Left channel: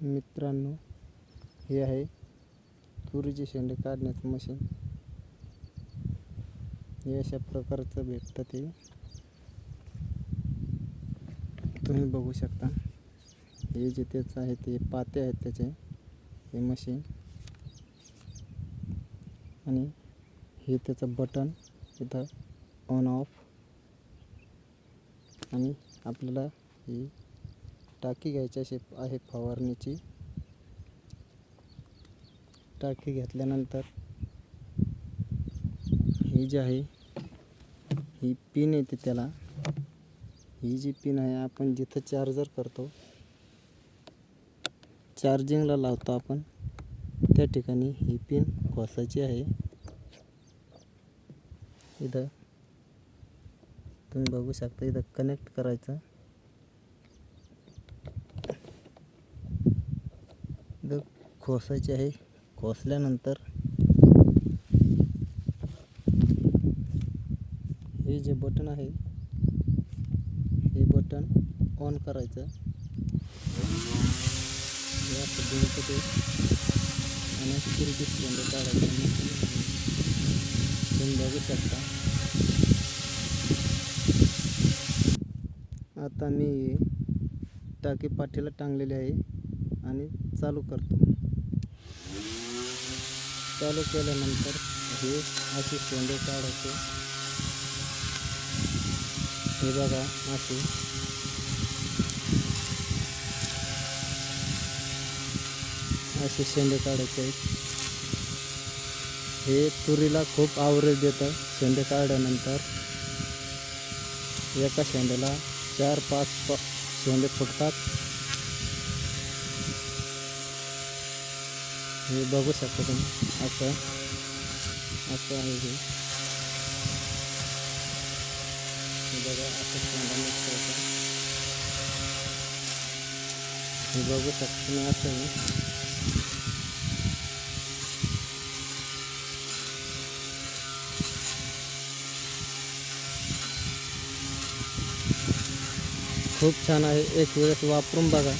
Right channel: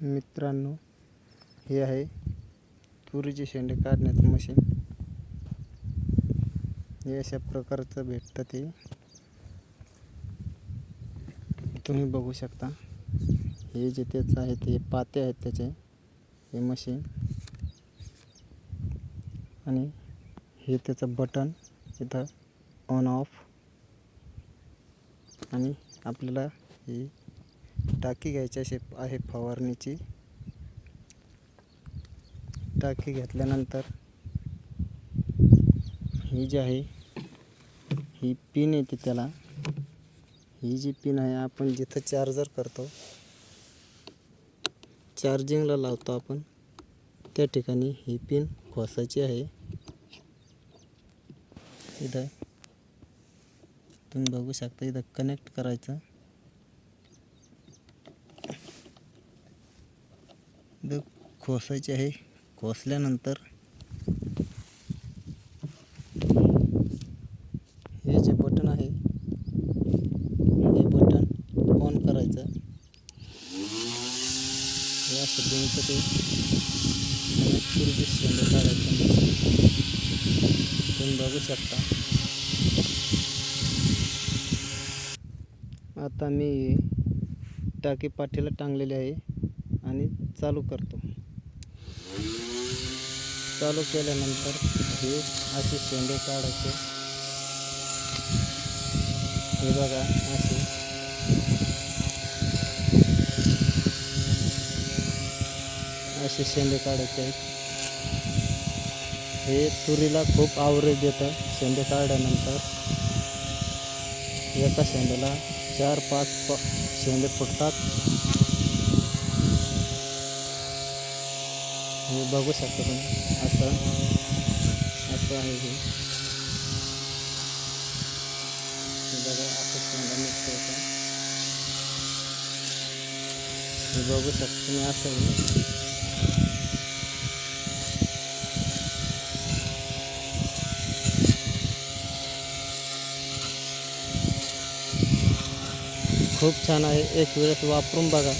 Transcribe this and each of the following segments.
मित्रांनो हे आहे तुरीचे शेंडे काढण्याचं मशीन हे अशा प्रकारचं भेटतं ते. तुम्ही बघू शकता. हे जे त्याचं आहे ते पाते आहेत त्याचे. हे मशीन आणि हे त्याचं बटन इथं ऑन ऑफ आणि आपल्याला ही टाकी घ्यायची अशी आहे फवारणीची. टाकी घेतल्यानंतर ही जी आहे ही पिन येते त्याला. ही जी पिन आहे आपण जिथं चार्जर करतो चार्जिंगला लावतो आपण त्या ठिकाणी ही पिन खोसायची आहे. इथं तुम्ही बघू शकता इथं कनेक्ट करायचं इथं खोसायचे आहे. खोसल्यानंतर हे जे बटन आहे हे बटन ऑन करायचं. हे असं ते आणि तुरीचे तुम्ही बघू शकता. आता मी टाकी पाठीला टांगलेली आहे आणि चालू करतो. चालू केल्यानंतर हे असे शेंडे काढायचे. हे बघा असे. असे शेंडे काढायचे आहेत. हे तुरीला खूप आवरेज देतं शेंडे काढल्यानंतर. एका शेंड्याला चार पाच प शेंडे फुटतात. हे बघू शकता तुम्ही असं असं आहे हे हे हे शकता छान आहे. एक वेळेस वापरून बघा.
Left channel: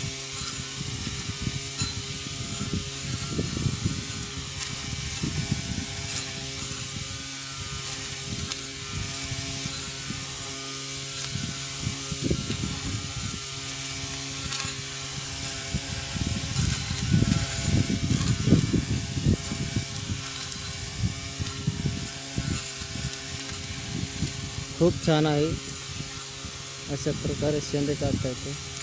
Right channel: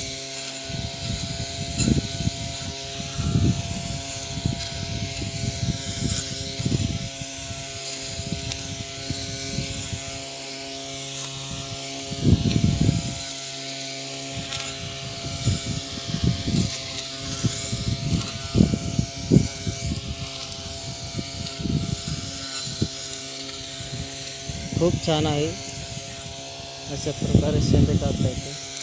खूप छान आहे. अशा प्रकारे शेंडू काढता येते.